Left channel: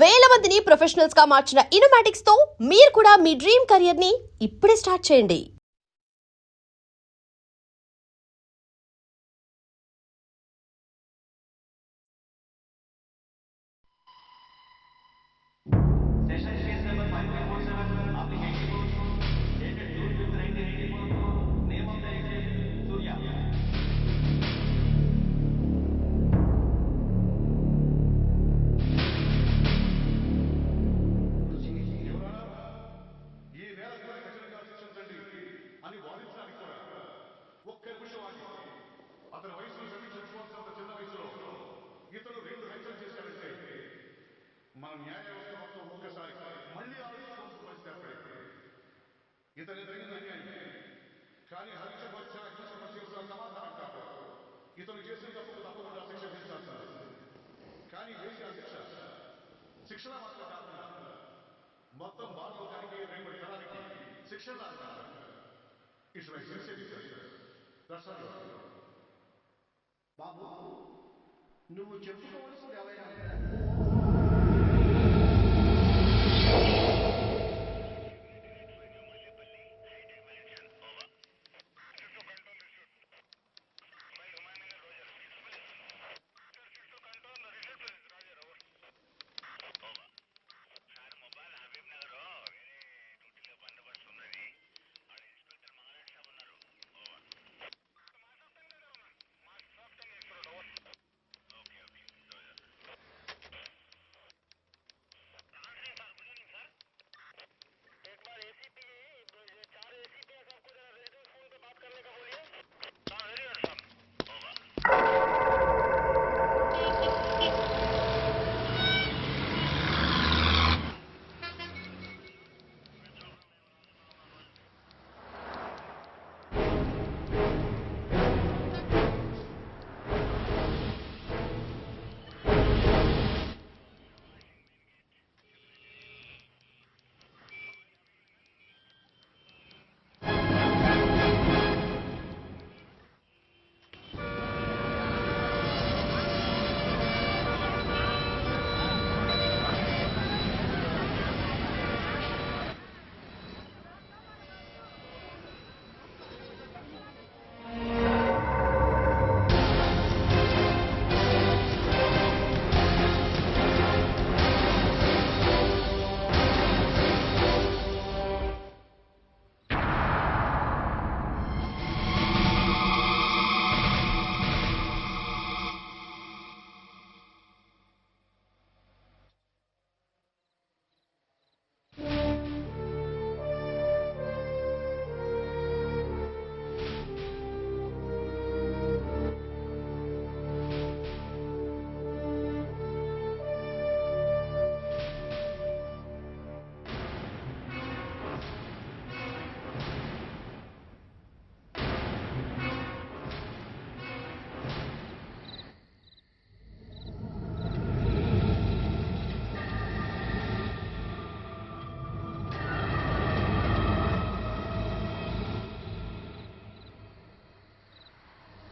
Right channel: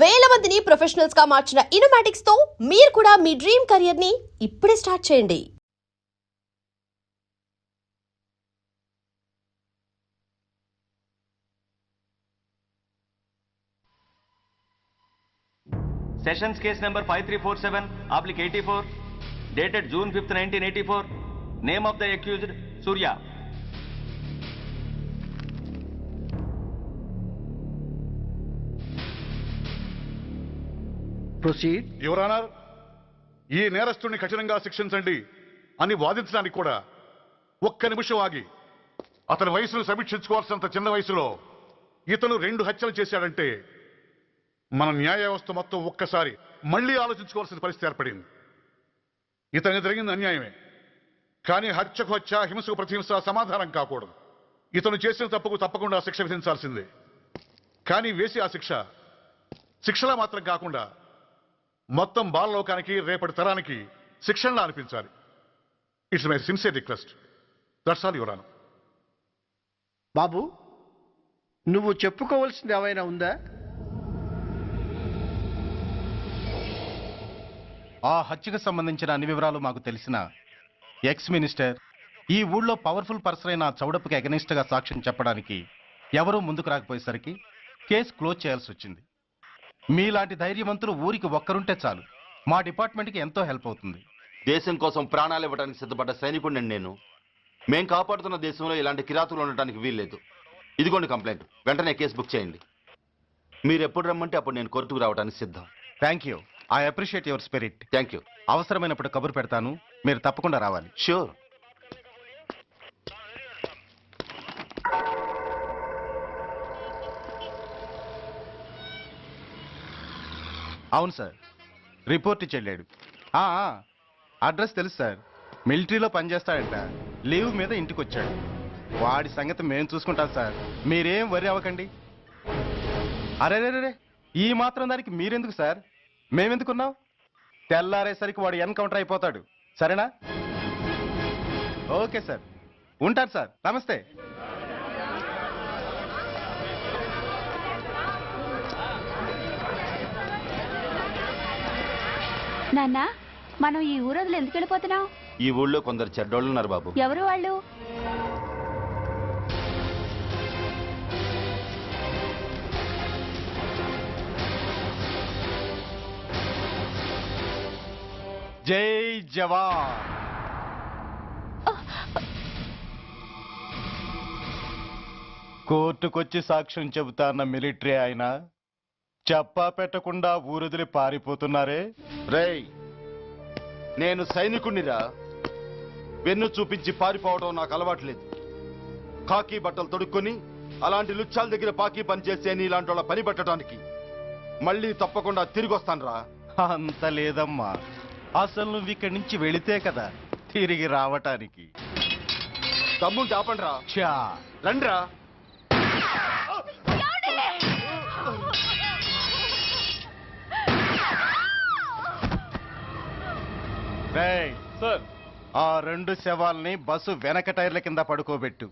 వేల మందిని ప్రొఫెషనల్స్ గా మార్చిన ఇనోమాటిక్స్ తో మీరు కూడా మీ డ్రీమ్ కెరియర్ ని ఇప్పుడే స్టార్ట్ చేయండి. Sessions case number 5347, applic 84, dated June 5th, 1984. Name of the accused, Surya. Proceed. Your honour, ఈ నేరస్తుడిని కఠినంగా శిక్షించండి అని వాదించడానికి కూడా ఒక్క నిమిషం ఆగి అతని వయసును సమీక్షించుకోవాల్సినంత చిన్న వయసులో ఇతను 2 హత్యలు చేశాడంటే మన న్యాయ వ్యవస్థ మొత్తం ఒక్కసారి మళ్లీ ఆలోచించుకోవాల్సిన పరిస్థితి ఏర్పడింది. ఇతనికి జరిగింది అన్యాయమే, కానీ హత్యకు హత్య, హింసకు ప్రతిహింస సమాధానం కాకూడదు. ఇతను చేసిన తప్పుకు తప్పకుండా శిక్ష విధించాల్సిందే. కానీ వేసి ఆ శిక్షలా మాత్రం కాకుండా మొత్తం బాలలోకానికి, రేపటి తరానికి శిక్షణలా అనిపించాలి. It's my sincere request. That's all your honour. బాబు, నువ్వు చెప్పుకోవాల్సింది ఏమైనా ఉందా? ఆ హత్యకు సంబంధించిన అన్ని వివరాలు మాకు తెలిసిన ఎక్స్ మినిస్టర్ ఈ ఊళ్ళో పవర్ఫుల్ పర్సన్ అయిన చౌడప్పకి అగెనిస్ట్ గా సాక్ష్యం చెప్పడానికి ఎవరూ ముందుకు రాకపోయేసరికి కేసు క్లోజ్ చేయాల్సి వచ్చింది. మీలాంటి ధైర్యవంతులు ఊరికి ఒక్కరుంటే చాలు, మా డిపార్ట్మెంట్కి ఎంతో హెల్ప్ అవుతుంది. దేశం కోసం ప్రాణాలు ఇవ్వడానికి సిద్ధపడ్డ సైనికుడిని నేను. మేం కాపాడుతున్న దేశంలో ఇలాంటి కిరాతులు ఉండటానికి వీల్లేదు. ఇదిగోండి కంప్లైంట్, వెంటనే కేసు బుక్ చేయండి. మీరు ఎప్పుడు రమ్మంటే అప్పుడు నేను కోర్టుకు రావడానికి సిద్ధం. Thank you, I appreciate your spirit. Thank you. అవసరమైనప్పుడు కబురు పెడతాను, మీరు తప్పకుండా రావాలి. షూర్. అవును సార్, రిపోర్ట్ ఇచ్చి వెళ్ళాడు. అడ్రస్ తెలుసు సార్, మిలిటరీలో పనిచేస్తాడట. లీవ్ మీద ఇంటికి వచ్చాడు. వాడి సంగతి మేము చూసుకుంటాం సార్, మీరేం వరి అవ్వకండి. అరే, ఈ మాత్రం దానికి మీరెందుకు సార్, మేమెందుకున్నాం? తెల్లారేసరికి వాడు ఎన్కౌంటర్ అయిపోతాడు. సరేనా? ఓకే సార్, ఉంటాను సార్. నమస్తే. నాన్న, మనం ఈ ఊరొదిలి ఎందుకు వెళ్ళిపోతున్నాం? ఈ ఊళ్ళో కొందరు చెడ్డోళ్ళు ఉన్నారు బాబు. ఎవరు వాళ్ళు? జై జవాన్. కోర్టుకొచ్చి సాక్ష్యం చెబుతాన్న మిలిటరీ ఆయన చెప్పా పెట్టకుండా ఊరొదిలి పారిపోతున్నారే. రేయ్, నేను సైనికుడినిరా. వెన్ను చూపించి పారిపోవడం నాకు అలవాటు లేదు. కాకి బట్టలు తొడుక్కొని అలాంటి లుచ్చాల దగ్గర పాకి పని చేసే ఇలాంటి వాళ్ళ పని పెట్టడానికి మళ్ళీ తప్పకుండా తిరిగి వస్తాను రా. అంత లేదమ్మా, అసలు నువ్వు ఇక్కడి నుంచి వెళితే కదా తిరిగి రావటానికి. తమ్ముంటే ఆపండి రా. రండిరా. ఆ 2 శవాల్ని బస్సు వెనక టైర్ల కింద పడుకోబెట్టు.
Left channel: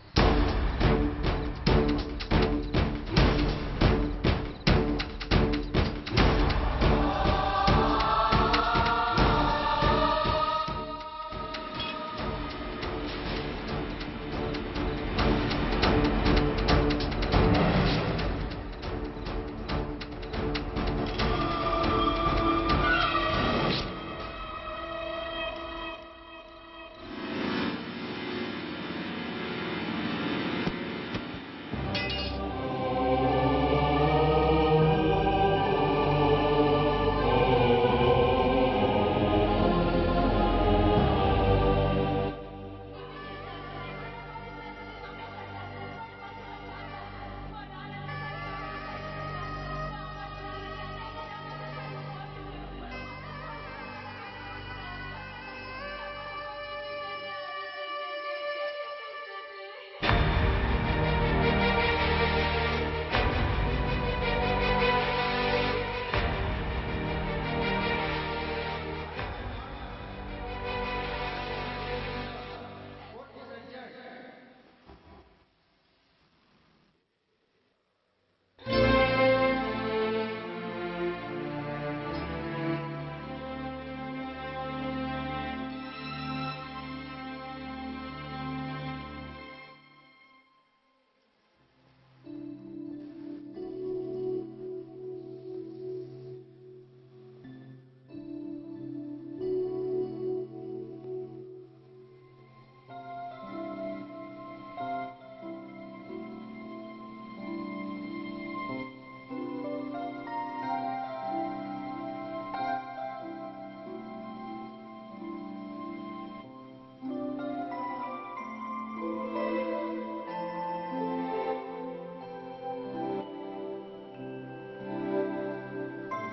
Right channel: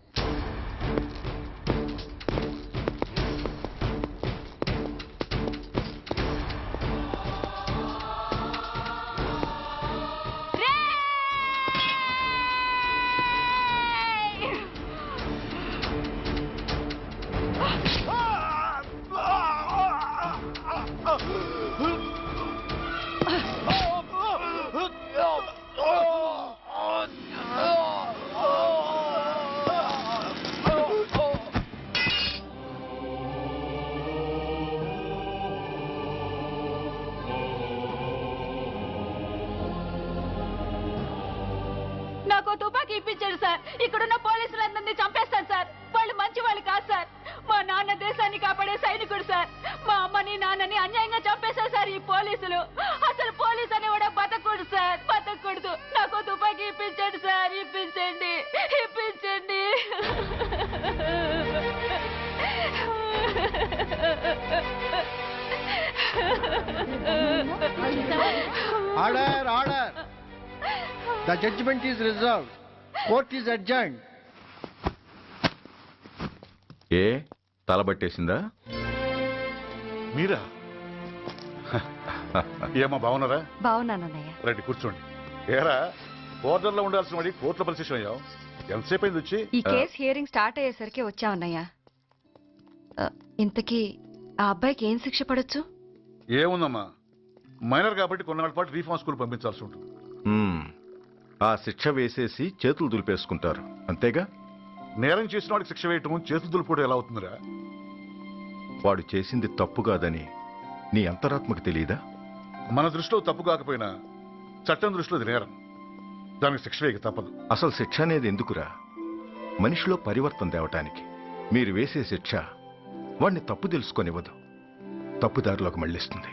ఇక్కడున్న పోలీసులందరినీ చంపేస్తారు సార్. వాళ్ళు మంచి వాళ్ళు కాదు సార్. మా నాన్న దేశాన్ని కాపాడే సైనికుడు సార్. మా అమ్మని నాన్నని అన్యాయంగా చంపేశారు సార్ ఈ పోలీసులు. అసలు పోలీసు అని కూడా బతకూడదు సార్, బతకూడదు. నాకు తుపాకీ ఇప్పించండి సార్, ఇప్పించండి. Order. The judgement is reserved. Court is adjourned. ఏ తలబట్టేసిందా? మీరా? ఏమో బాగున్నారా? బాగున్నానన్నయ్య. రండి కూర్చోండి. ఏరా బోర్డర్లో ఉండాల్సిన వాడి కోర్టులో పరిశీలన అయ్యావు. ఎంతసేపు అయింది వచ్చి? ఈ కేసు హియరింగ్ స్టార్ట్ అయ్యేసరికి వచ్చామన్నయ్య. ఇంతకీ ఆ అబ్బాయికి ఏం శిక్ష పడొచ్చు? ఏముందమ్మా, మైనర్ కాబట్టి కొన్నాళ్ళ పాటు రీఫార్మ్ స్కూల్ పంపించాల్సి ఉంటుంది. ఆ శిక్ష వేసేసి చేతులు దులిపేసుకుంటారు అంతేగా. నేరం చేసిన వాడికి శిక్ష వేయటం చేతులు దులుపుకోవడం ఎలా అవుతుందిరా? వాడు చేసింది తప్పు కాదని నీ అంతరాత్మకు తెలియదా? మన దృష్టిలో తప్పు కాకపోయినా చట్టం దృష్టిలో అది నేరం. దానికి శిక్ష వేయక తప్పదు. అసలు శిక్ష అనేది ఎందుకురా? మనిషిలో పరివర్తన తేవటానికి. మీరు వేసే శిక్ష వాడిని తప్పు తెలుసుకొనివ్వదు, తప్పుదారిలోకి మళ్ళిస్తుంది.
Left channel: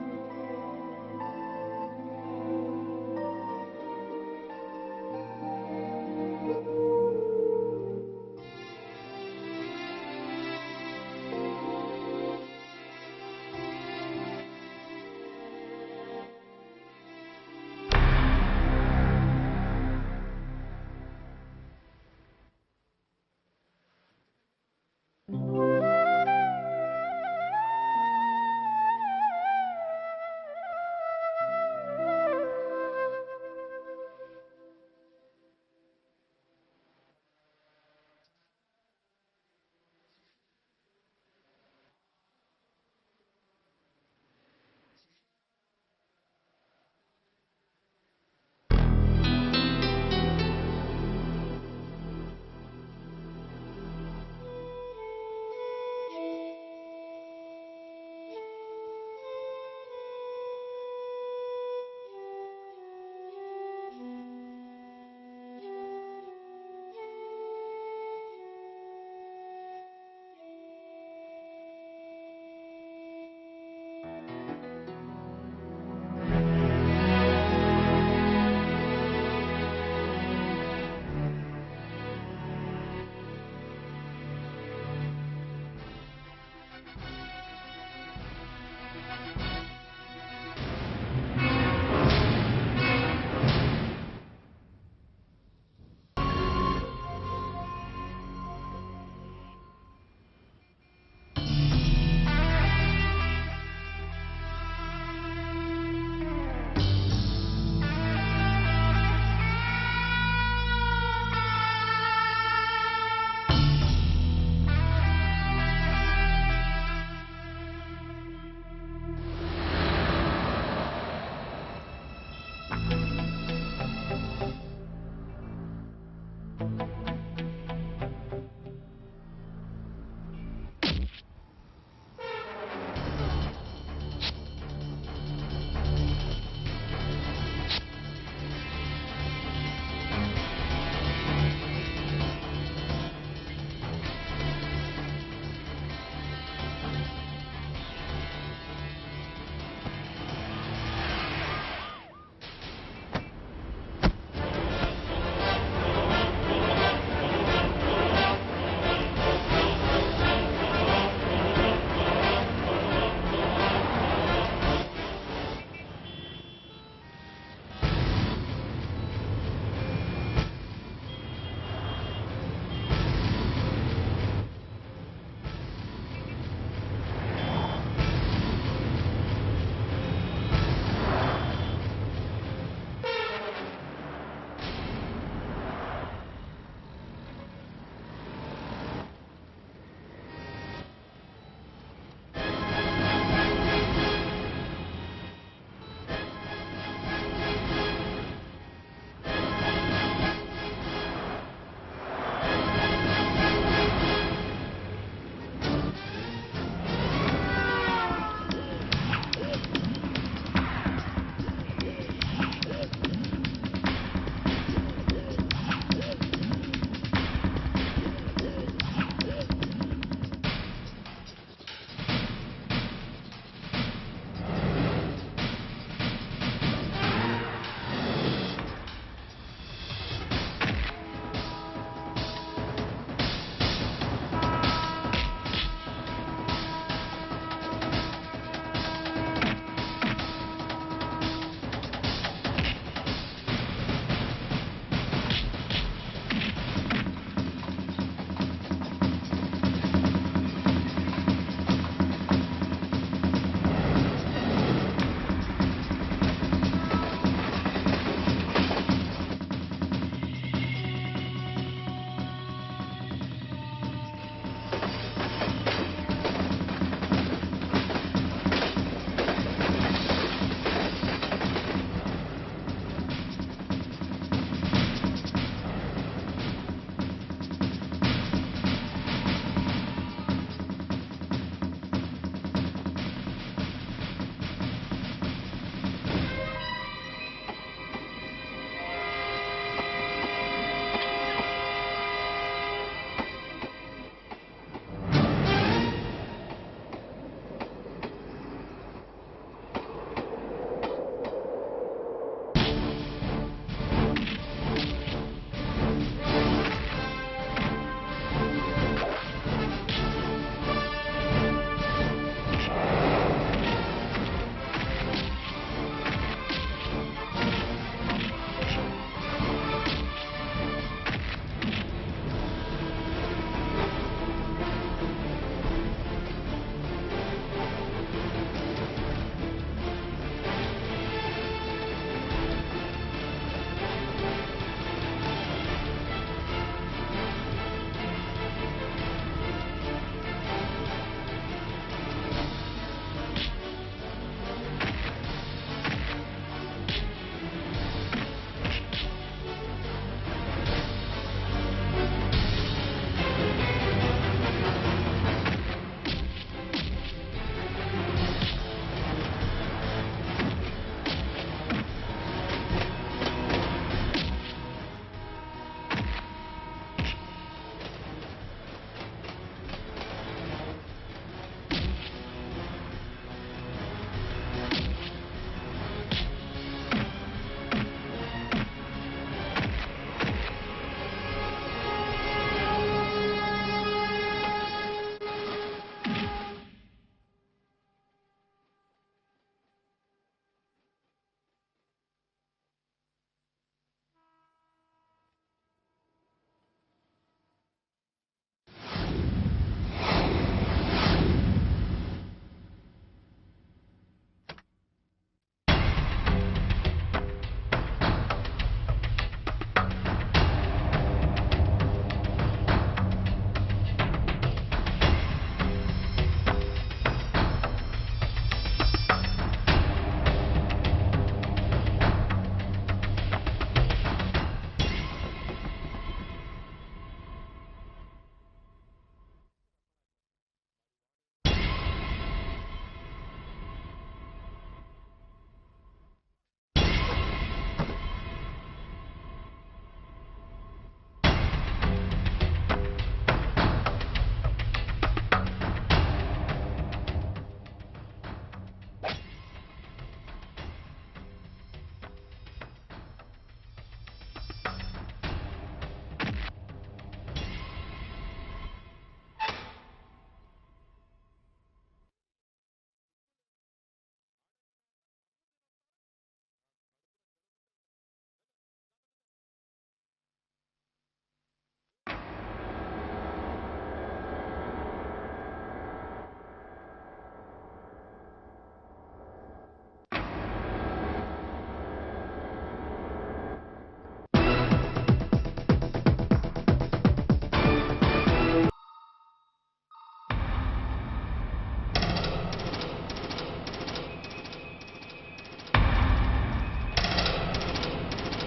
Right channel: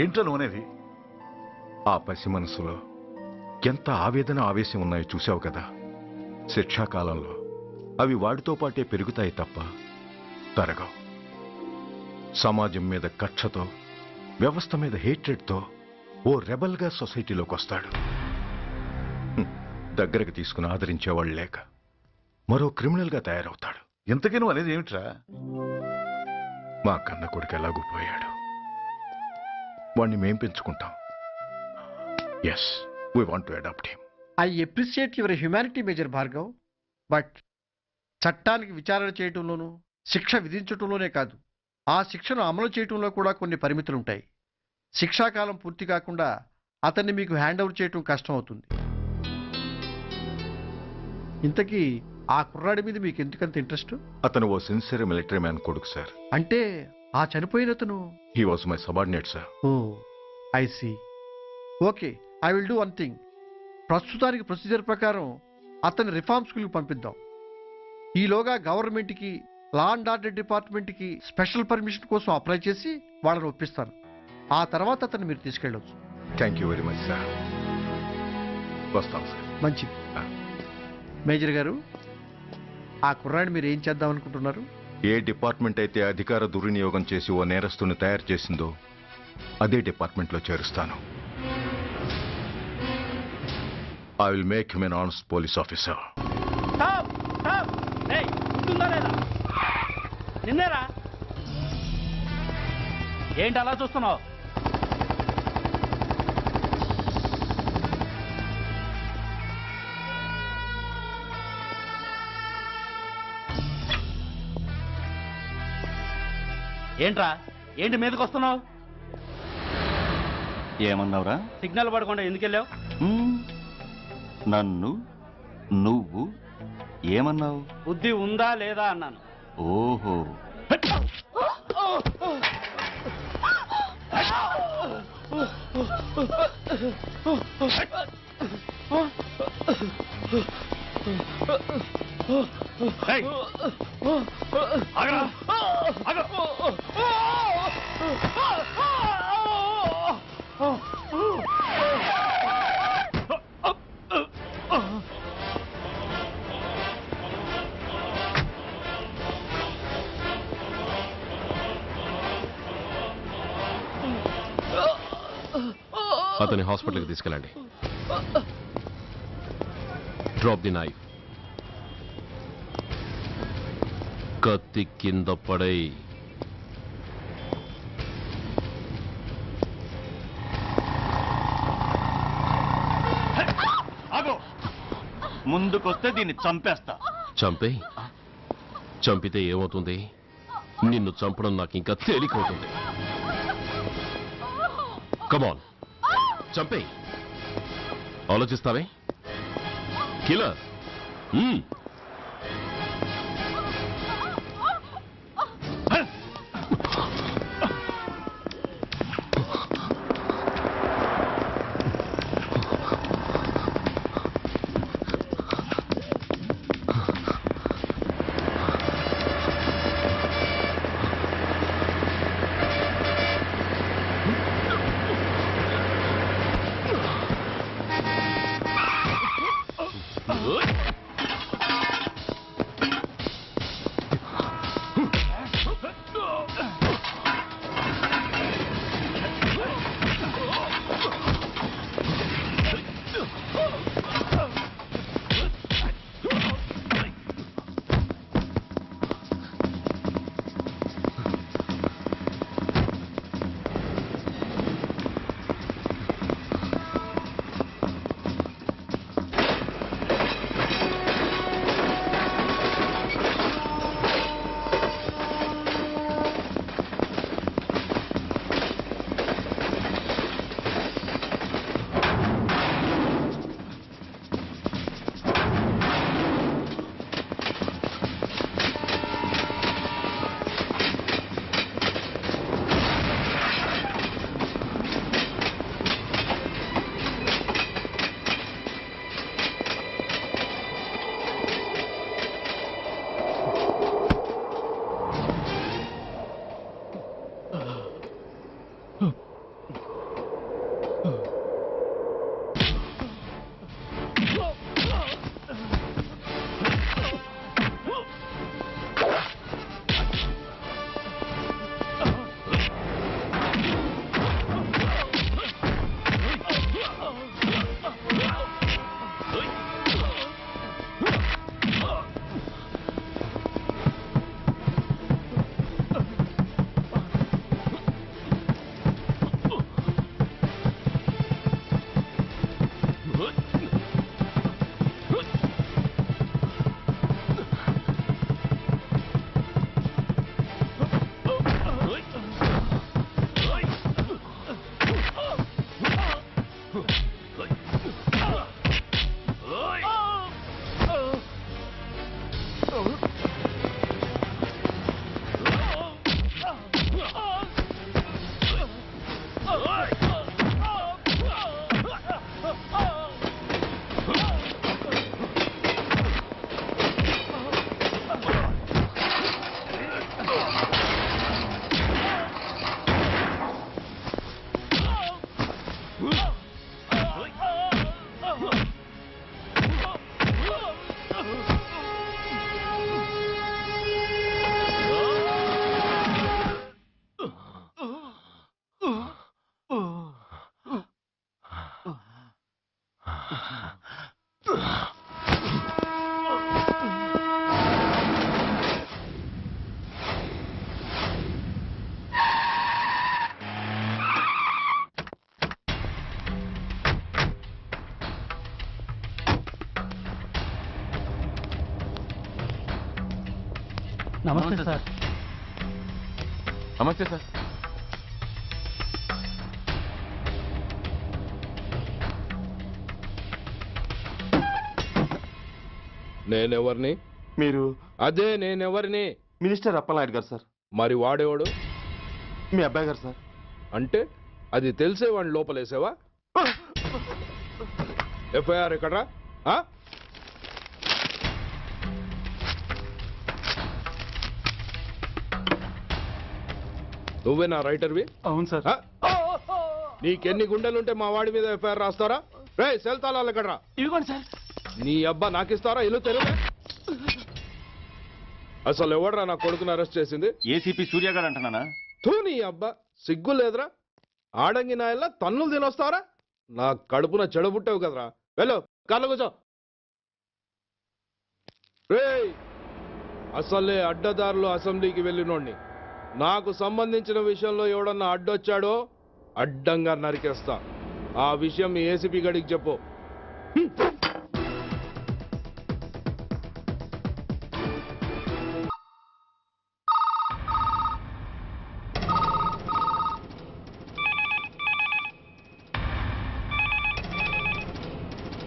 ఏంటో నువ్వనేది? ఆ పసి మనసులో ఎంత ఆవేదన ఆవేశం ఉన్నాయో చూసావు కదా. శిక్షాకాలంలో అవి వాడితో పాటే పెరుగుతాయి తప్ప తరగవు. సమాజం మీద కక్షతో, వ్యవస్థ మీద హేట్రెడ్తో ఓ రెబల్గా సొసైటీలోకి వస్తాడు. దగ్గరకు తీసుకుని ఆదరించేవాళ్ళు లేక మరో క్రిమినల్గా తయారవుతాడు. ఇంతకీ నువ్వు అనేది ఏమిట్రా? మా కన్న కొడుకు ఎలాగూ పోయాడు, వాణ్ణి మేం పెంచుకుంటాం. Yes, we want to adopt him. I appreciate your humanity major Bhargav, but చట్టానికి విచారణ చేయటంలోనూ శిక్ష విధించటంలోనే కాదు, ఆ శిక్షను అమలు చేయటంలో కూడా కొన్ని పరిమితులు ఉంటాయి. శిక్షాకాలం పూర్తి కాకుండా అతన్ని మీకు హ్యాండ్ ఓవర్ చేయటం కష్టం అవుతుంది. ఇంతకీ ఆ కుర్రాడి మీద మీకు ఎందుకంత ఇంట్రెస్ట్? అతను ఓ సిన్సియర్ మిలిటరీ మ్యాన్ కొడుకు సార్. అంటే ఆ చనిపోయిన అతను? He was my subordinate sir. Oh I see. Okay, I will do one thing. ప్రస్తుతానికి ప్రొసీజర్ ప్రకారం అతన్ని రిఫార్మ్ స్కూల్కి పంపిద్దాం. ఈలోగా గవర్నమెంట్కి, లా అండ్ ఆర్డర్ డిపార్ట్మెంట్కి స్పెషల్ పర్మిషన్ కోసం అప్లై చేసి వాళ్ళని ఒప్పిస్తాను. ఆ తర్వాత అతన్ని మీరు తీసుకెళ్ళవచ్చు. Thank you very much sir. వస్తాం సార్. మంచిది. మేజర్ గారు, ఆ కుర్రాడిని మీరు ఏం చేద్దాం అనుకుంటున్నారు? ఏ డిపార్ట్మెంట్ అయితే అధికార దుర్వినియోగం చేసి ఓ నేరస్తుని తయారు చేసిందో అదే డిపార్ట్మెంట్లో చేరుస్తాను. I will make him an honest police officer. నిన్నేరా ఏంటి అలా చూస్తున్నావు? ఏంట్రా, ఏంటి మీదకి వస్తున్నావు? ఏమన్నావురా? సిగ్నల్ పడకుండా ఎందుకు వెళ్ళావు? నన్ను నువ్వు ఏమన్నావు? బుద్ధి ఉందా లేదా అన్నాను. ఓహో, అతని హాస్పిటల్కి తీసుకెళ్ళండి. Drop the knife. కత్తి కింద పడై. ముందుకొస్తే దీన్ని చంపేస్తా. చంపే. చంపితే ఏమవుతుంది? నిన్ను చంపడం నాకు ఇంకా తేలికవుతుంది. కమాన్, చంపే. ఆలోచిస్తావే కిల్లర్? నమస్తే సార్. నేనెవరిని? మీరు అదే నేనెవరిని? మినిస్టర్ అప్పలనాయుడు గారు సార్. మరి వాడేవాడు? మీ అబ్బాయి గారు సార్. అంటే అది తెలిసే వాడిని లోపలేసావా? ఎఫ్ఐఆర్ ఎక్కడ్రా? ఆ? నువ్వేనా రైటర్వి? అవును సార్. ఆ? నీకెన్ని గుండెలుంటే మా వాడి మీద ఎఫ్ఐఆర్ రాస్తారా? రే సెల్ తాళాలు ఎక్కడ్రా? ఇదిగోండి సార్. నీ అబ్బా నాకిస్తారా? ఇల్లు తెరువు. అసలు ఎవడ్రా నా కొడుకుని అరెస్ట్ చేసింది? ఏసీపీ సూర్య గారు అంటున్నానా? తూ నీ అబ్బా సిగ్గు లేదురా? ఆడంగి నాయల్లా తన్నులు తినొస్తారా? నా కడుపున చెడబుట్టావు కదరా. వెళ్ళు కార్లో కూర్చో. రేయ్ అసలే అడ్డదారులు అసెంబ్లీకి వెళ్ళినోడిని. నాకు సంబంధించిన విషయంలో ఎవడన్నా అడ్డొచ్చాడో అడ్డంగా నరికేస్తా. ఆ విషయం మీ ఏసీపీ గడికి చెప్పు.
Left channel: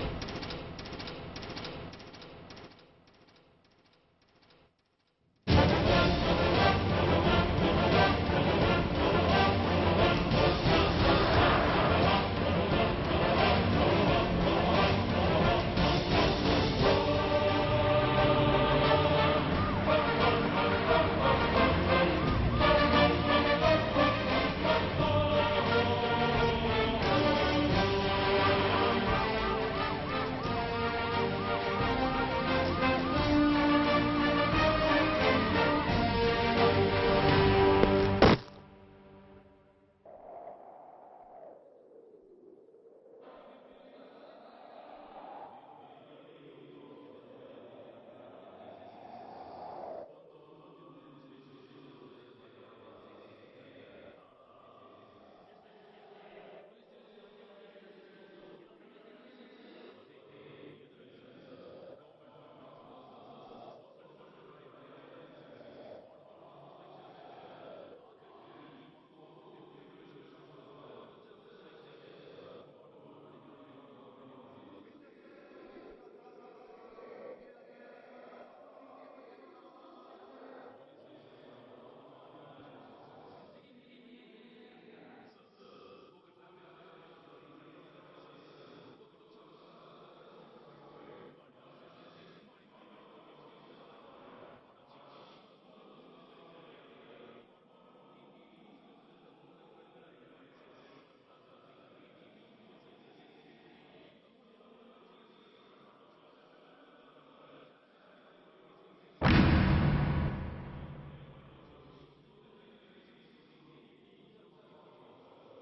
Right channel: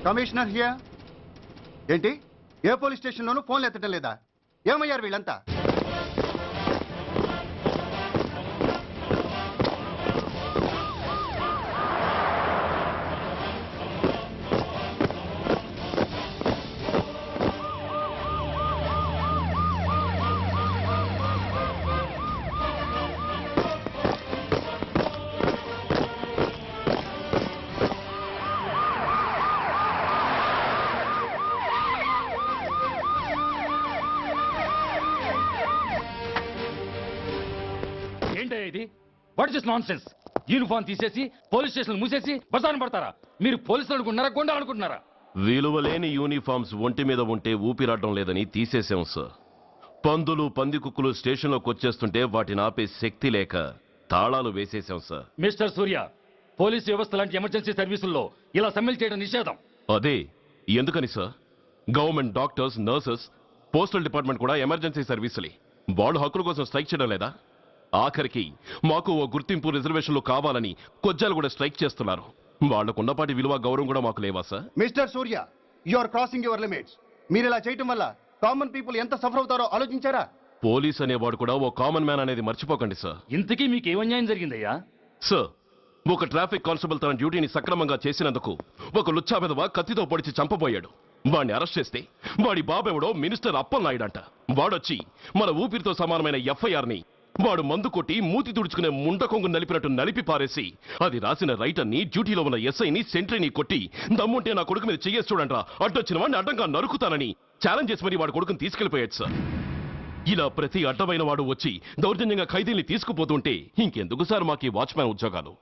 Commissioner here. ఏంటి ఏ పోలీస్ స్టేషన్లోనూ ఫోన్లు ఎత్తడం లేదా? ఏమయ్యారు వీళ్ళంతా? What is nonsense? యూనిఫామ్ తీసేసి పోలీస్ స్టేషన్ మూసేసి బజారు పడతారా? మీరు పోలీసులు అనుకుంటున్నారా, గుండాలు అనుకుంటున్నారా? విలువలేని యూనిఫామ్స్ ఒంటి మీద ఉంటే ఊపిరాడడం లేదని తీసేసాం సార్. పందులు పందికుక్కులు స్టేషన్లోకి వచ్చేస్తుంటే వాటిని ఆపే శక్తి లేక తాళాలు వేసేసాం సార్. మిస్టర్ సూర్య, పోలీస్ వ్యవస్థ లాంటి ఎమర్జెన్సీ సర్వీసుల్లో ఇలా సమ్మెలు చేయడం నిషేధం. అదే ఎందుకని sir? Government doctors, nurses, postal department కూడా ఎమర్జెన్సీ సర్వీసులే. వాళ్ళు హక్కుల కోసం స్ట్రైక్ చేయడం లేదా? ఆఖరికి మాకు ఓ గుర్తింపు రిజర్వేషన్లు కావాలని కొజ్జాలు కూడా స్ట్రైక్ చేస్తున్నారు. వాళ్లకున్నపాటి విలువ గౌరవం కూడా మాకు లేవా sir? Mister Surya, you are crossing your limits. మీరు ఇలా చేయటం వల్ల కామన్ పీపుల్ ఎంత సఫర్ అవుతారో ఆలోచించారా? పోలీస్ అనేవాడు కూడా ఓ కామన్ మ్యాన్ అనేది మర్చిపోకండి సార్. ఇంతకీ మీకు ఏమన్యాయం జరిగిందయ్యా? సార్, ఒక ట్రాఫిక్ కానిస్టేబుల్ తన డ్యూటీని సక్రమంగా చేసినందుకు ఒక లుచ్చా విధవ కత్తితో పొడిచి చంపబోయాడు. వాడిని అరెస్ట్ చేస్తే వాడి బాబెవడో మినిస్టర్ అప్పలనాయుడు అంట. వాడొచ్చి మన ఊపిరితో సమానమైన ఎఫ్ఐఆర్ని వాడు మందు కొట్టి మూతి తుడుచుకునే ముండకొంగు నలిపినట్టు నలిపి పారేసి అది రాసిన రైటర్ని, డ్యూటీలో ఉన్న ఎస్ఐని, సెంట్రీని కొట్టి దమ్ముంటే నా కొడుకు మీద చెయ్యేసి చూడంట్రా, అడ్డొచ్చిన వాడిని అడ్డంగా నరుకుతానని ఛాలెంజ్ చేసి మరి వాడు కొడుకుని తీసుకెళ్లిపోయాడు సార్. ఇలా ప్రతి అడ్డమైన వాడు వచ్చి దౌర్జన్యంగా ఖైదీల్ని తీసుకుపోతుంటే ఇంకెందుకు సార్ మాకు ఈ వాచ్మ్యాన్ ఉద్యోగాలు?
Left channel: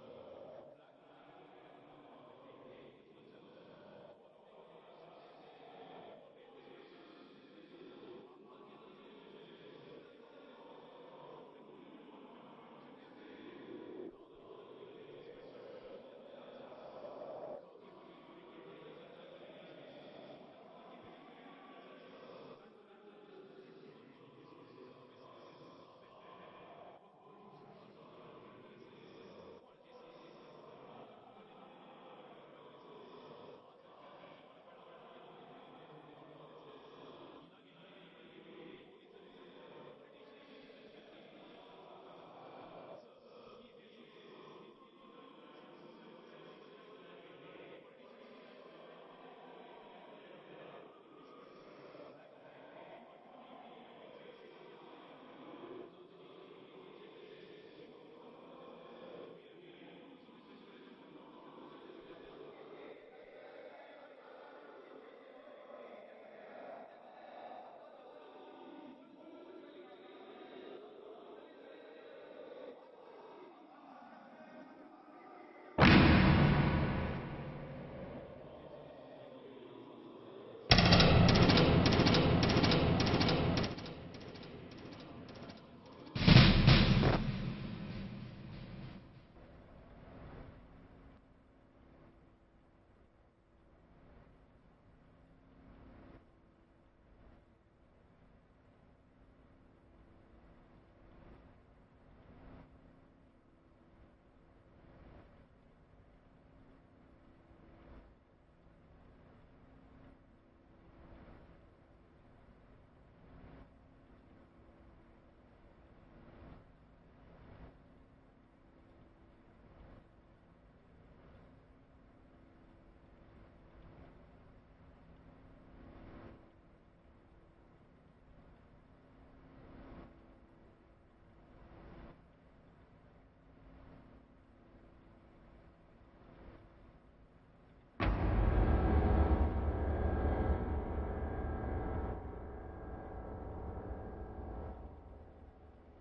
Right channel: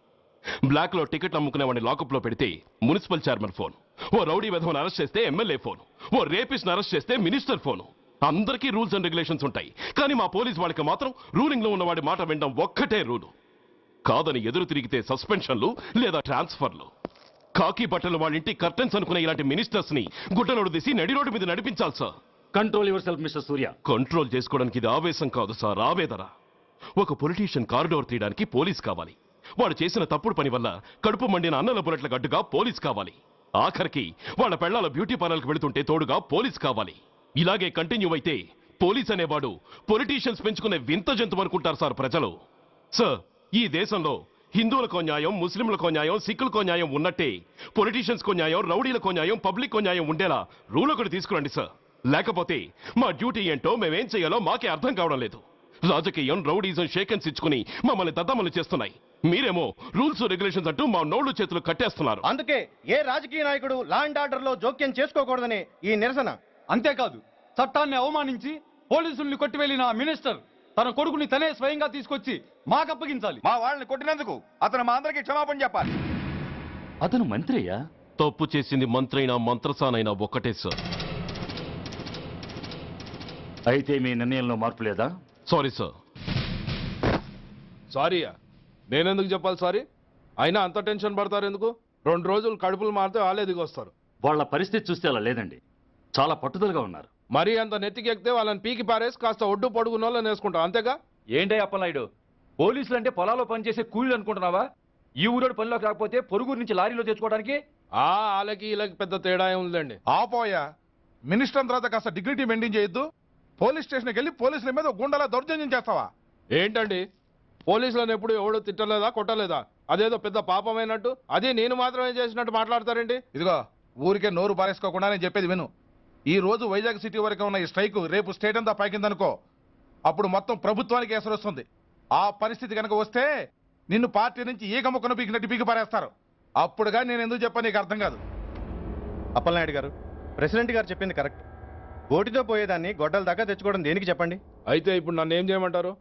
బ్లాక్ లో టికెట్లు అమ్ముకునే వాడిని లాకప్ లో పెడితే మున్సిపల్ చైర్మన్ ఫోన్, ఓ రౌడీ విధవను అరెస్ట్ చేస్తే ఎమ్మెల్యే ఫోన్, ఓ రేపిస్ట్ అరెస్ట్ చేస్తే మినిస్టర్ ఫోన్. అందరికీ రూల్స్ అండ్ రెగ్యులేషన్స్ ఉంటాయి, కానీ మా పోలీస్ వాళ్ళకి మాత్రం రూలింగ్ లో ఉన్న వాడి మాట వినడం ఒక్కటే రూలు. కాదని ఎదురు తిరిగితే సస్పెన్షన్లు లేదా ట్రాన్స్ఫర్లు. కాకి బట్టలు వాళ్ళ ఇంటి కర్టెన్స్ అనుకునే ఇలాంటి మినిస్టర్స్ ని గుడ్డనోడు తీసి నడి రోడ్డు మీద నడిపించాలి sir. Control your self mister Surya. Control చేసుకోవడానికి ఇది ఆవేశం కాదు సార్, ఆవేదన. ఒక పొలిటీషియన్ కారిడోర్ తీయడానికి పోలీస్ కావాలి. వాడు చేసిన తప్పుడు పని వల్ల కడుపు మండిన అన్నల బుల్లెట్ల గడ్డుగా పోలీస్ కావాలి. ఆఖరికి వాళ్ళ పెళ్లాల బ్యూటీ పార్లర్కి వెళుతుంటే తోడుగా పోలీస్ కావాలి. ఇలాగే కంటిన్యూ అయితే పోలీస్ అనేవాడు పొలిటీషియన్స్ పెంచుకునే వింత జంతువు అనుకుంటారు సార్ ప్రజలు. సార్, ఈ దేశంలో హిందువులకో న్యాయం, ముస్లింలకో న్యాయం, సిక్కులకో న్యాయం ఉన్నట్టే పొలిటీషియన్స్కో న్యాయం, రౌడీలకో న్యాయం, పబ్లిక్కో న్యాయం ఉండేలా రూల్ ఒకటి తీసుకురండి సార్. లేకపోతే మా డ్యూటీ ఏంటో మేమేం చేయాలో మాకే అర్థం కావడం లేదు. రాజకీయం, రౌడీజం షేకెన్స్ ఇచ్చుకుని మమ్మల్ని దద్దమలు చేస్తున్నాయి. మీరేమో రూల్స్ రెగ్యులేషన్స్ అంటూ మా నోళ్లు చేతులు కట్టేస్తున్నారు. అందుకే ఏ రాజకీయ నాయకుడు లా అండ్ ఆర్డర్ లో జోక్యం చేసుకోకూడదని ఈ నిరసన. అంతేకాదు, చట్టాన్ని అవమానించి పోలీసుల్ని కొట్టివెళ్లిన మినిస్టర్ తన కొడుకుని తనే స్వయంగా తీసుకొచ్చి మాకు అప్పగించాలి. మా వాళ్ళని కొట్టినందుకు అతను మా అందరికి క్షమాపణ చెప్పాలి. అతను మంత్రి అయ్యా. తప్పు చేసింది మంత్రైనా మంత్రసానైనా ఒక్కటే సార్. అయితే మీ నిర్ణయంలో మార్పు లేదా? Sorry sir. సారీయా? నేనెందుకు చెప్పాలి సారీ? అయినా అంత టెన్షన్ పడతారు ఎందుకు? 2 రోజులు కడుపులు మారితే వాళ్ళే దిగొస్తారు. వాళ్ళ పరిస్థితి చూస్తే అలా లేదండి, చాలా పట్టుదలగా ఉన్నారు. మరీ అంత నెత్తికి ఎక్కితే వాళ్ళని పీకి పారేసి కాస్త ఒడ్డు పొడుగున్న వాళ్ళని వేసుకుంటాం, అంతేగా? ఏంటే అప్పలనాయుడు, పోలీసులు అంటే పొలాల్లో పనిచేసే కూలీలు అనుకుంటున్నావా? ఈ ఊరోడు పనిలోకి రాకపోతే పొరుగురు నుంచి లారీలో తెచ్చుకోవడానికి వాళ్ళకి వీళ్ళకి పెద్ద తేడా ఉందండి. ఆపోయా మినిస్టర్ తర్వాత కాస్త డిగ్నిటీ మెయింటైన్ చేయొద్దు. పోలీస్ స్టేషన్కి వెళ్ళి పోలీసుల మీద గుండాలా దౌర్జన్యం చేస్తావా? ఏంటండి పోలీసులను ఎప్పుడు ఎవడో తిట్టలేదా కొట్టలేదా? అదేదో పెద్ద పాపమైనట్టు అది నేను మాత్రమే చేసినట్టు మాట్లాడతారండి. ఇదిగో ఊరికే నోరు పారేసుకోకుండా నేను చెప్పేది విను. ఈ రోజు వైజాగ్ సిటీ వరకు ఉన్న ఈ స్ట్రైక్ రేపు స్టేట్ అంతా పైకిందనుకో, అప్పుడు మొత్తం ప్రభుత్వానికి ఎసరు వస్తుంది. ఆ పరిస్థితి కనుక వస్తే నిన్ను పార్టీ నుంచి ఈగ ముక్కను పీకినట్టు పీకి పారేస్తారు. అప్పుడుగా నేను ఎందుకు చెప్పాను నీకు అర్థం కాదు. అప్పలనాయుడు గారు, ప్రెసిడెంట్ గారు చెప్పింది కరెక్ట్. ఓటితో పోయేదాన్ని గొడ్డల దాకా తెచ్చుకోవడం దేనికి చెప్పండి? అయితే ఇప్పుడు నన్ను ఏం చేయమంటారు?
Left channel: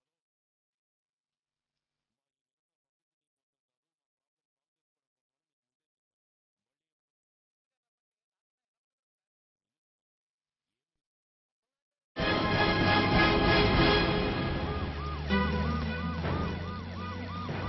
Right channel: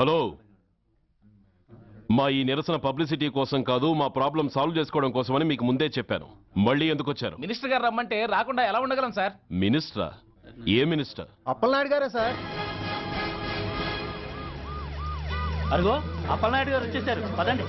హలో, మా ఈ నిరసన పబ్లిసిటీ కోసం కాదు, మా ప్రాబ్లం సాల్వ్ చేసుకోవడం కోసమని మీకు ముందే చెప్పాను. మళ్ళీ ఎందుకు వచ్చారు? మినిస్టర్ గారు రమ్మంటే రాకుండా ఎలా ఉండగలం సార్? మినిస్టరా? ఏ మినిస్టర్? అప్పలనాయుడు గారే సార్. అదిగో అప్పలనాయుడు గారు వచ్చేసారు, పదండి.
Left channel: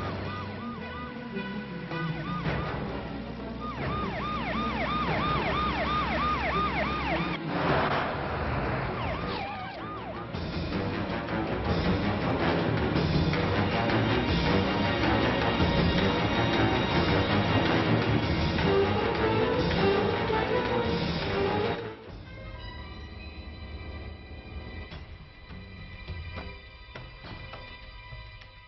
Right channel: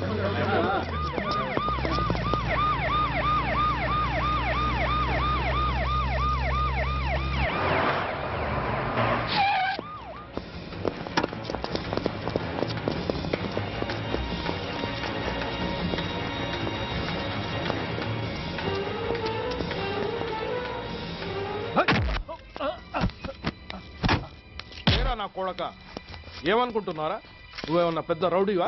నా కొడక ఏమనుకుంటున్నారా? నువ్వేమన్నా పెద్ద రౌడీవా?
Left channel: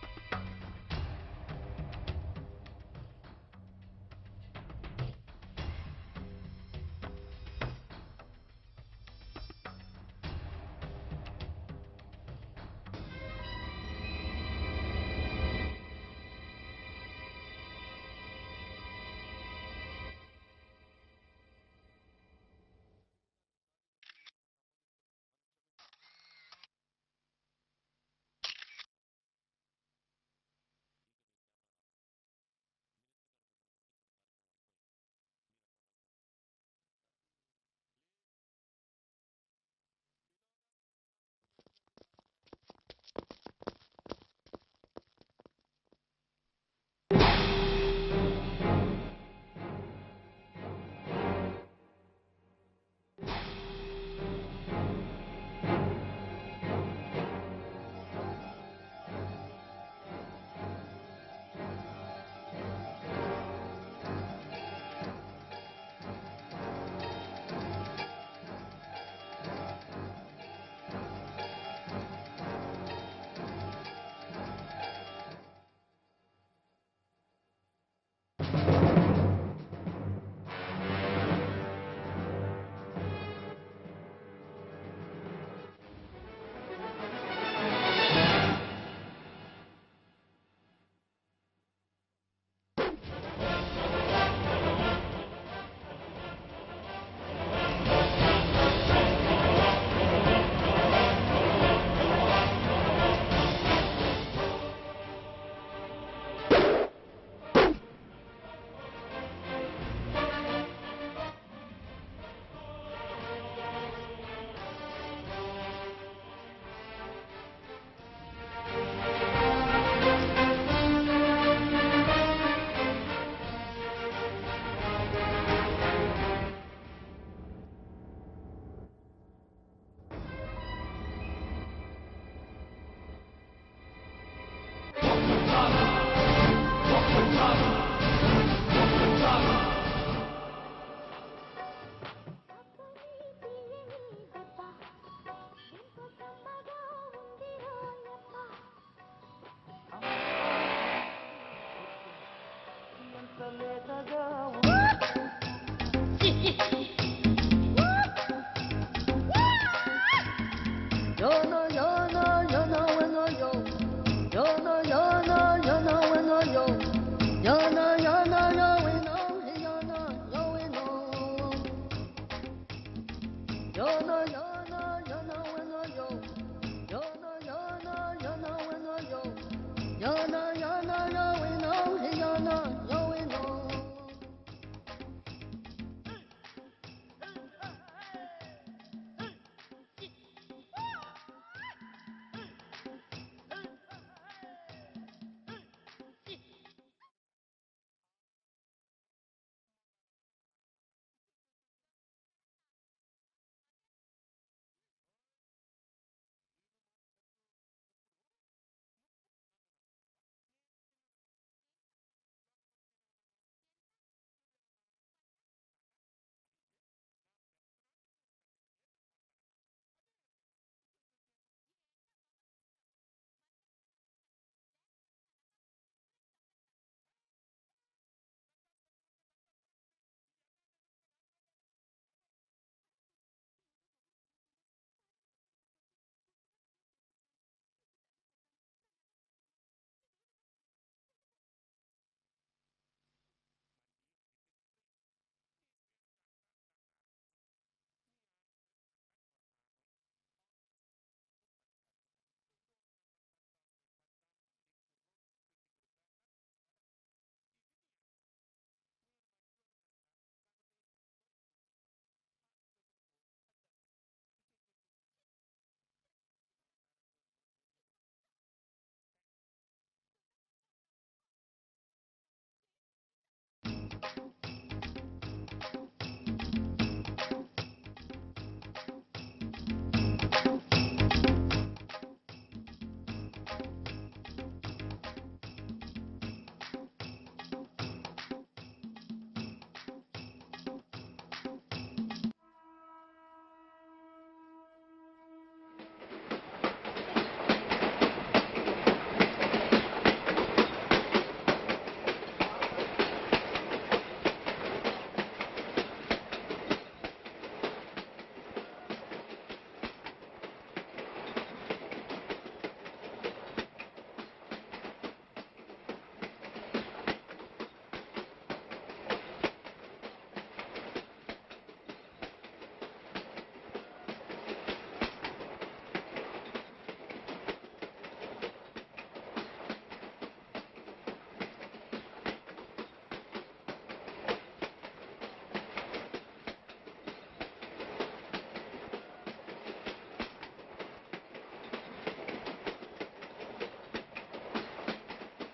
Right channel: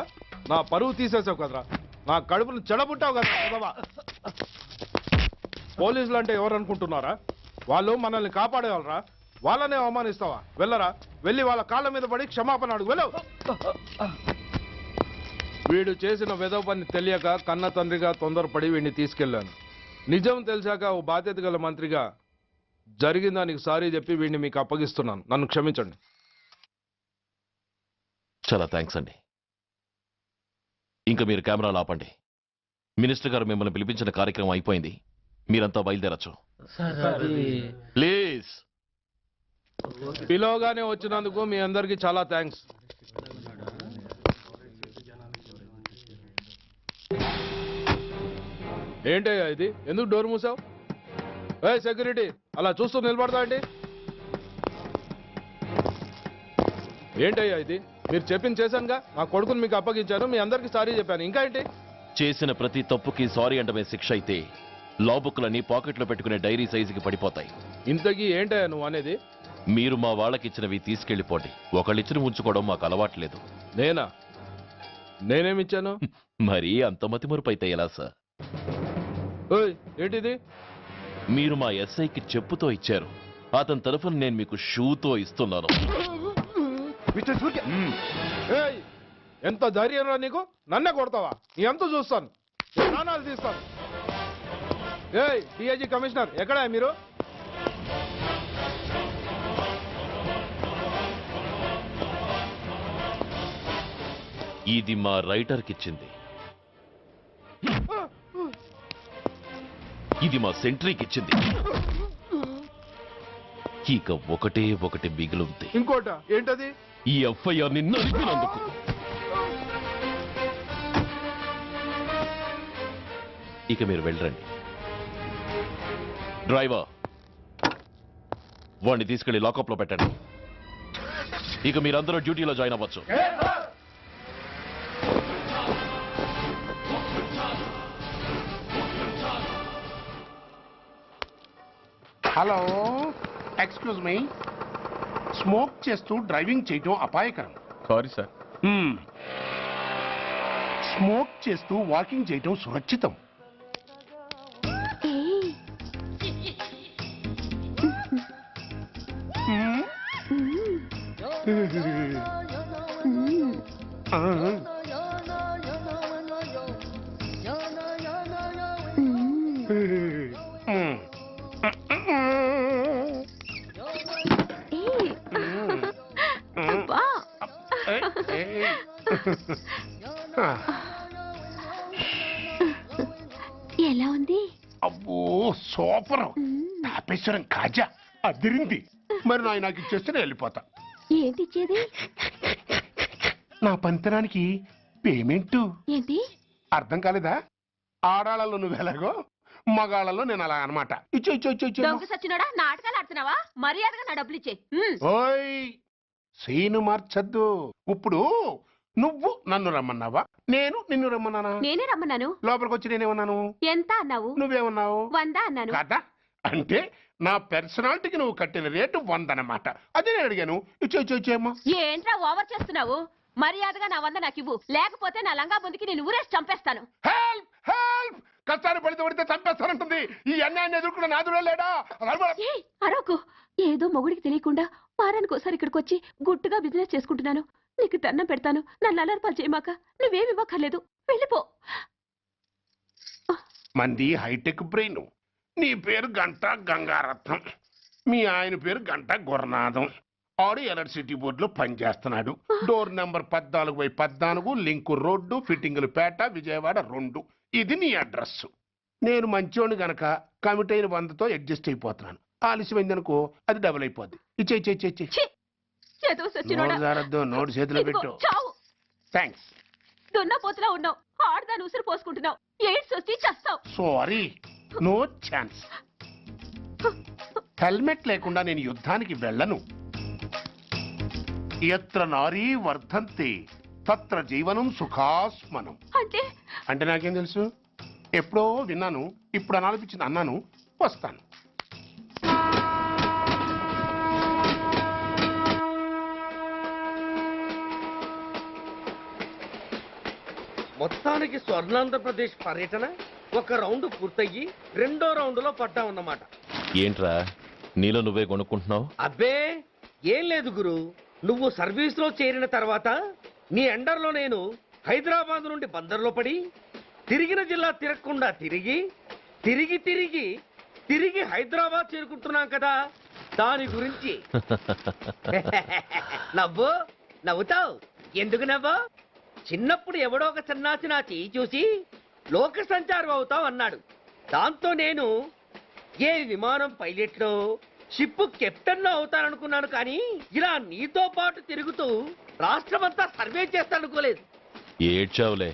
నా పరువు తీసేసావు కదరా, నా కడుపును చెడబుట్టావు కదా. పోలీసులు అంటే ఎవరు అనుకుంటున్నారా? వాళ్ళు మనల్ని కాపాడేవాళ్ళరా? వాళ్ళనే అవమానిస్తావా? వెళ్ళరా, వెళ్ళి వాళ్ళ కాళ్ళ మీద పడి క్షమాపణ అడుగు. వెళ్ళవు. వీడు చేసిన వెధవ పని తెలియక కన్న తండ్రిగా తొందరపడి వీడిని తీసుకెళ్లాను. నిజం తెలిసాక ఓ బాధ్యత గల మంత్రిగా జరిగిన దానికి సారీ చెప్పి వీడిని మీకు అప్పగిస్తున్నాను. నన్ను క్షమించండి. చాలా థ్యాంక్స్ అండి. ఇంకా మీరు కెమెరాలు ఆపండి. మినిస్టర్ గారు మిమ్మల్ని పిలిపించిన కార్యక్రమం అయిపోయింది. మీరంతా బయలుదేరచ్చు ప్లీజ్. పిలవగానే వచ్చినందుకు మీ అందరికీ చాలా థ్యాంక్స్. ఏంటయ్యా ఇది? ఎందుకు డోర్ మూసావు? ఏ సెక్యూరిటీ, అలా చూస్తూ నిలబడతా అండి. ఏంటయ్యా ఇది? మీరు చెప్పింది చేశానుగా. నా కొడుకుని మీకు అప్పగించాను, మీ అందరికి సారీ చెప్పాను. ఇంకా ఏంటి? చేసిన ప్రతి తప్పుకి సారీ అంటమే శిక్ష అయితే లా బుక్లన్నీ పాకెట్లో పెట్టుకునే డైరీ సైజుకి పడిపోతాయి. ఇంతకీ ఏంటయ్యా నువ్వు అనేది? మీరు మా వాళ్ళకిచ్చినవి తీసుకెళ్లిపోండి. ఒకళ్ళిచ్చిన ఉంచుకోవడం మాకు అలవాట్లేదు. నేనా? నేనేమిచ్చాను? మరి అంత మతిమరుపు అయితే ఎలా సార్? ఏంటిది? మీరు మా ఎస్ఐకి చెప్పుతో ఇచ్చారు. అతని తరఫున నేను మీకు షూతో ఇస్తున్నాను. ఎంత ధైర్యం రా నీకు? నన్నే కొడతావా? నీ ఎంత చూస్తాను, ప్రాణాలు తీస్తాను. డిఐజీ కమిషనర్ ఎక్కడా మీరు? ఇది మా రైటర్కిచ్చింది, ఇది మా సెంట్రీకిచ్చింది. ఇక ఒకటి మిగిలింది. ఇంకోట ఏంటది? ఈ ఎఫ్ఐఆర్ ని నలిపినందుకు. ఇక మీరు వెళ్ళండి. డ్రైవర్, వాడిని తీసుకెళ్లి లాకప్ లో పెట్టండి. ఇక మీరందరూ డ్యూటీలో జాయిన్ అవ్వచ్చు. Hello, excuse me. స్మోక్ చేస్తూ డ్రైవింగ్ చేయడం అపాయకరం. Sorry sir. స్మోక్ చేస్తూ వాకింగ్ చేయడం సురక్షితం. ఎలా ఉంది? అబ్బో సూపర్. తాపేశ్వరం కాజా అదిరింది. మరి నాకు ఇచ్చేస్తే నేను వెళ్ళిపోతా. ఏంటి ఇచ్చేది? నా పంతనానికి పేమెంట్. ఏంటి? అర్థం కాలేదా? ఆడాళ్ళలో నువ్వు ఎలాగో మగాళ్ళలో నేను అలా అనమాట. ఇచ్చు ఇచ్చు ఇచ్చు ఇచ్చు దొంగ సచ్చినోడా నాటకాలు ఆడుతున్నావా? మర్యాదగా నా డబ్బులు ఇచ్చే. ఓయ్ సీను మార్చద్దు. ఇప్పుడు నువ్వు నన్ను రమ్మన్నావా, నేను నిన్ను రమ్మన్నానా? నేనే రమ్మన్నాను. లోపలికి వచ్చి నేనేమన్నాను? ఎంత అన్నావు? నువ్వేమన్నావు? 100 అన్నాను. కదా అంటే నా పర్సనాలిటీకి నువ్వు కట్టిన రేటు 100 అన్నమాట. అదే నేను అడిగాను. ఇచ్చు ఇచ్చు ఇచ్చేమ్మా. ఏంట్రా ఓవర్ చేస్తున్నావు? మర్యాదగా నా 100 నాకు ఇవ్వు, లేకపోతే నా లంగా బొందికి నేను ఊరేసి చంపేస్తాను. హెల్ప్ హెల్ప్ కష్టాన్ని పడితే చంపేస్తానంటుంది. ఈ అన్యాయాన్ని ఎదుర్కొన్న నాదుడే లేడా? అరవకు. ఏదో మొగుడికి తెలియకుండా వారానికి ఒకసారి ఇక్కడికి వచ్చి గుట్టుగా బిజినెస్ చేసుకుంటున్నాను. నీకు దండం పెడతాను, నన్ను అలర్పాలు చేయమాక. నువ్వేమి ఇవ్వక్కర్లేదు, వెళ్ళిపో. మంది హైటెక్ బ్రెయిన్. నీ పేరు గంట గంగారత్నం, మీ ఆయన పేరు గంట గురునాథం. ఆడు ఎలక్ట్రిసిటీ బోర్డులో పనిచేస్తున్నాడు. డోర్ నెంబర్ 14/14, లింకు రోడ్డు, ఫిట్టింగులు పేట, విజయవాడ 2. ఇది నీ అడ్రస్. నేను మంచోని గనక కమిట్ అయిన 100తో అడ్జస్ట్ అయిపోతున్నాను. ఆలస్యమైందనుకో అది డబుల్ అయిపోద్ది. ఇచ్చే నోటు చేతిలో పెట్టు. థ్యాంక్స్. దున్నపోతులా ఉన్నావు, ఆడదాన్ని ఉసురు పోసుకుంటున్నావు. ఎయిడ్స్ వచ్చి చస్తావు. Sorry, no chance. హెల్మెట్ లేకుండా నేను యుద్ధానికి వెళ్ళను. ఎత్ర నారీ వర్ధంతి తత్ర జీవనం సుఖాస్మనం. అంటే నాకేం తెలుసు? ఎప్పుడో విన్నాను, ఇప్పుడు అనాలనిపించింది అన్నాను. వస్తాను. మొత్తానికి స్వర్ణాంధ్రప్రదేశ్ పర్యటన ఒక రౌండ్ పూర్తయ్యి 2వ రౌండ్లో పట్టా ఉన్నమాట. ఏంట్రా నీలో నువ్వే కొనుక్కుంటున్నావు? అబ్బే ఏం లేదు గురు, నువ్వు సర్వీస్ లో చేరిన తర్వాత నీ అండర్లో నేను హైదరాబాద్ నుండి బందర్లో పడి తిరిగిన జిల్లా తిరగకుండా తిరిగి తిరిగి తిరిగి తిరిగి హైదరాబాద్ చేరుకుంటున్నాం కదా, దాని గురించి. నవ్వుతావు ఎందుకు నవ్వు? చిన్నప్పుడు ఎవడో ఒక సన్నాసి నా చేయి చూసి లోక సంచారం అవుతావు అన్నాడు. దాంతో నేను ఏ విమానం పైలట్లో షిప్ కెప్టెన్ లో అవుతాననుకున్నాను, కానీ ఇలా నీతో పాటు తిరుగుతూ రాష్ట్రమంతా సర్వే చేస్తానుకోలేదు. ఏడ్చావులే.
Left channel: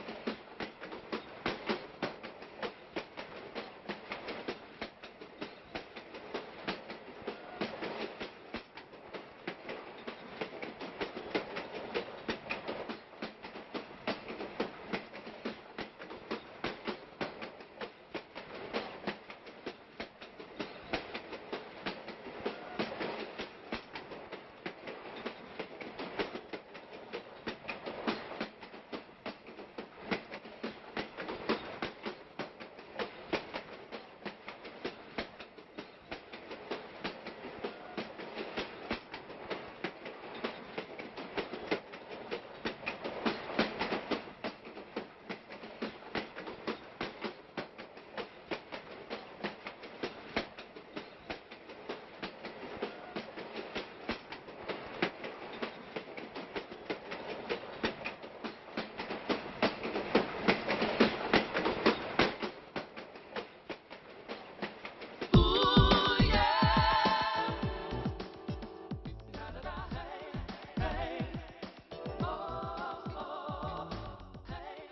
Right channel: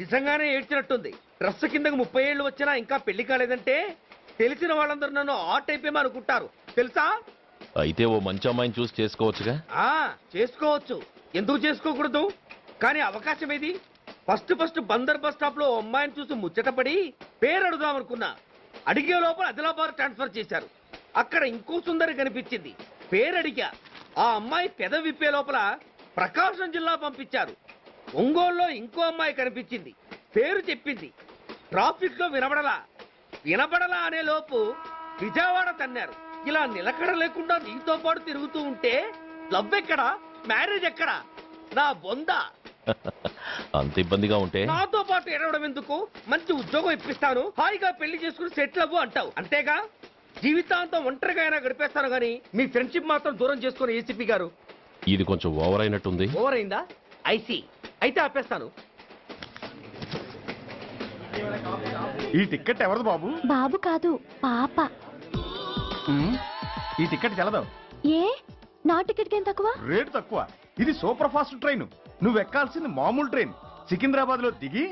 నిజంగానే ఏడ్చినట్టుంది. డ్రెస్ కిందకు 30 ఏళ్ళు వచ్చినా ఇంకా పెళ్లి కాలేదంటే తెలిసిన వాళ్ళందరూ నన్ను ఆర్ట్ అయిపోయి అనుకుంటారు తెలుసా? అయితే ఓ మంచి అమ్మాయిని చూసి చేసుకోవచ్చుగా. చేసుకోవచ్చు, ఎందుకు చేసుకోకూడదు? కానీ అవకాశం ఏది? ఫస్ట్ బందర్ బస్ స్టాప్ లో అమ్మాయిని చూసి ముచ్చటపడి పేరు అడుగుదామనుకున్నా. అడిగే లోపల ఆదిలాబాద్ ట్రాన్స్ఫర్ చేశారు. అక్కడ ఇంకో సుందరి కనిపించింది, పేరు అడిగా. ఆ అమ్మాయి పెద విప్పే లోపల ప్రకాశం జిల్లా పంపించారు. ఒంగోలులో ఇంకో అమ్మాయి కనిపించింది, పేరు చెప్పింది. ట్రాఫిక్ లో వినబడలా అనే లోపు విజయవాడ తన్నారు. ఇలా నిలకడ లేకుండా నీతో పాటు తిరుగుతూ ఉంటే లవ్ ఎక్కడా, మ్యారేజ్ ఎక్కడా? నా బొంద. అంత ఇబ్బందిగా ఉంటే నాతో పాటు ఎడవడం ఎందుకు? మంచి ఉద్యోగం ఇప్పిస్తాను, హాయిగా పెళ్లి చేసుకుని సెటిల్ అవ్వు అంటావు అంతేగా? జీవితాంతం ఒంటరిగా అయినా గడిపేస్తాను, కానీ మీ ఫ్రెండ్షిప్ మాత్రం దూరం చేసుకుని ఏసీపీ గారు. ఇది కొంచెం ఓవర్ అయినట్టుంది. ఓవర్ అయిందా? ఐసీ, అయితే ఆపేస్తాను. ఈ టికెట్ ఎవరిది బాబు? బాబు కాదు, పాప. ఈ టికెట్ గలదు. ఏ నా టికెట్ ఏం తక్కువ? రేటు తక్కువ. ఇది సూపర్ ఫాస్ట్ ట్రైన్. నువ్వు ఎక్కాల్సింది మామూలు ట్రైన్. సికింద్రాబాద్ లో దిగి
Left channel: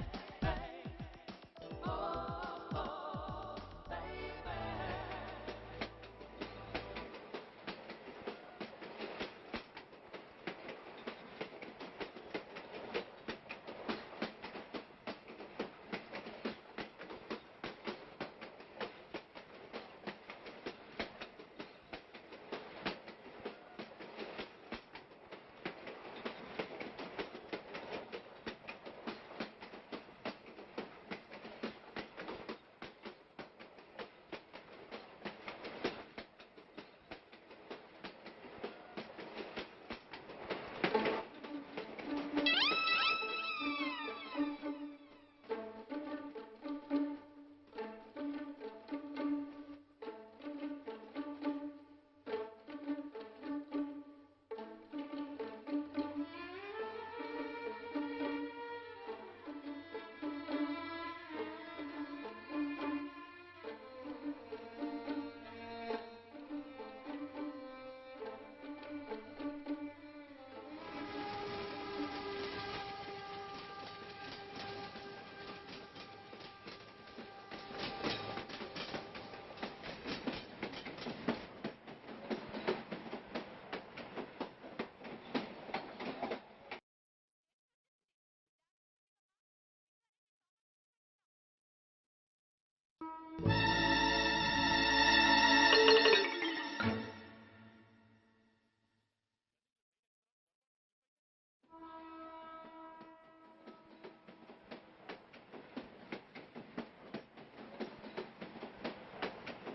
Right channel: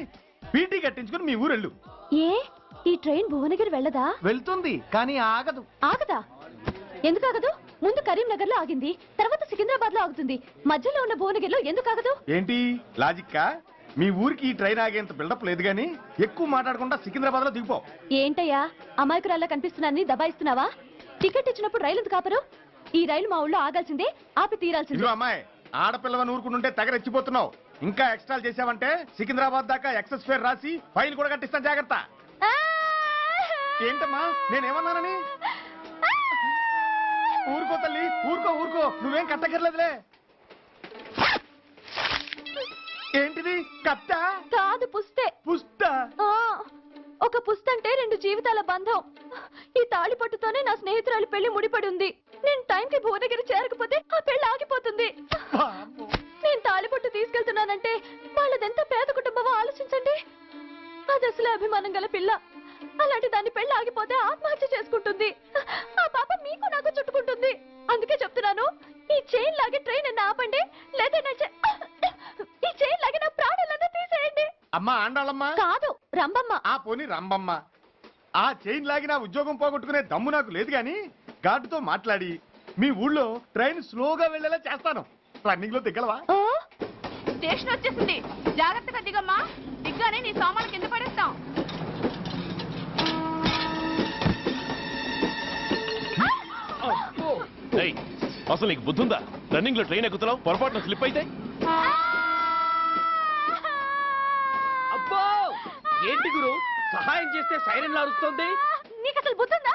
పీటీ కట్టించుకుని మీ ఊరెళ్ళు. ఏ ఈ ట్రైన్ భువనగిరి వెళ్ళదా? వెళ్తుంది, కానీ ఆగదు. ఆగదా? ఎందుకు ఆగదు? ముందు కరీంనగర్ లో ఆగింది, తర్వాత సికింద్రాబాద్ లో ఆగుతుంది. మధ్యలో ఉన్న భువనగిరిలో ఎందుకు ఆగదు? ఏంటి లాజిక్కా? మీ ఊరికి ఈ ట్రైన్ ఆగేంత బిల్డప్ లేదు, గానీ ఎక్కువ మాట్లాడకుండా సికింద్రాబాద్ లో దిగిపో. ఏంటయ్యా అమాయకురాల్లా కనిపిస్తున్నాన్ని దబాయిస్తున్నావా? టికెట్ ఇచ్చినప్పుడు రైలు ఎందుకు ఆపరు? ఈ రైలు మా ఊళ్ళో ఆగాల్సిందే, ఆపి తీరాల్సిందే. అమ్మాయి, ఆడపిల్లవని ఊరుకుంటుంటే తగరెచ్చిపోతున్నావు. ఇంకా ఎక్స్ట్రా చేసావంటే సికింద్రాబాద్ దాకా ఎక్సెస్ ఫేర్ రాసి ఫైల్ కూడా కట్టిస్తాను, జాగ్రత్త. ఏంటమ్మా నేనేమన్నానని? ఊరుకో తల్లి, ఊరుకో, నువ్వేం కట్టగర్లేదులే. ఏంటిది? కట్ట కాదు, పుస్తే. పుస్తా? ఒక పుస్తంటే 2 జీవితాల బంధం. ఈ తాళి పట్టుతోనే నా స్నేహితురాలి పెళ్లి ముడిపడి ఉంది. నేను టైంకి భువనగిరి చేరకపోతే ఆ పెళ్లి ఆగిపోతుంది. నేను తాళి పట్టు తీసుకెళ్తున్నానంటే వాళ్ళదెంత పేద కుటుంబమో ఆలోచించండి. అది అసలు అభిమానం గల పిల్ల. అలాంటి దాన్ని పెళ్లి ఆగిపోతే ఆత్మహత్య చేసుకుంటుంది. ఆ పాప మీకు నాకు చుట్టుకుంటుంది. అందుకే చెప్తున్నాను, ఈ చైన్ లాగే ట్రైన్ ఆపండి, లేదా ఈ చైన్ లాగే నా ప్రాణాలను తీసేయండి. అమ్మా ఆండాళమ్మా కాదు రంబమ్మ. ఆ పోని రంబమ్మ. ఆ చైన్ లాగి నా ఉద్యోగం పోగొట్టుకునే దమ్ము నాకు లేదు కానీ గార్డుతో మాట్లాడి మీ ఊళ్ళో ట్రైన్ స్లోగా వెళ్ళేలా చేస్తాను. రన్నింగ్ లో దిగలవా? స్టేషన్ వచ్చేసింది, జాగ్రత్తగా దిగమ్మా. దిగ్గానే నీ సామాన్లు కింద పడేస్తాం. ఏయ్, అసలు నీకు బుద్ధుందా? రన్నింగ్ లో ట్రైన్ ఎక్కుతున్నావు, పొరపాటున స్లిప్ అయితే అబ్బో ఏంటి గురు, సహాయం చేస్తే సైరన్ అరుస్తుంది. నీకు అసలు బుద్ధుందా?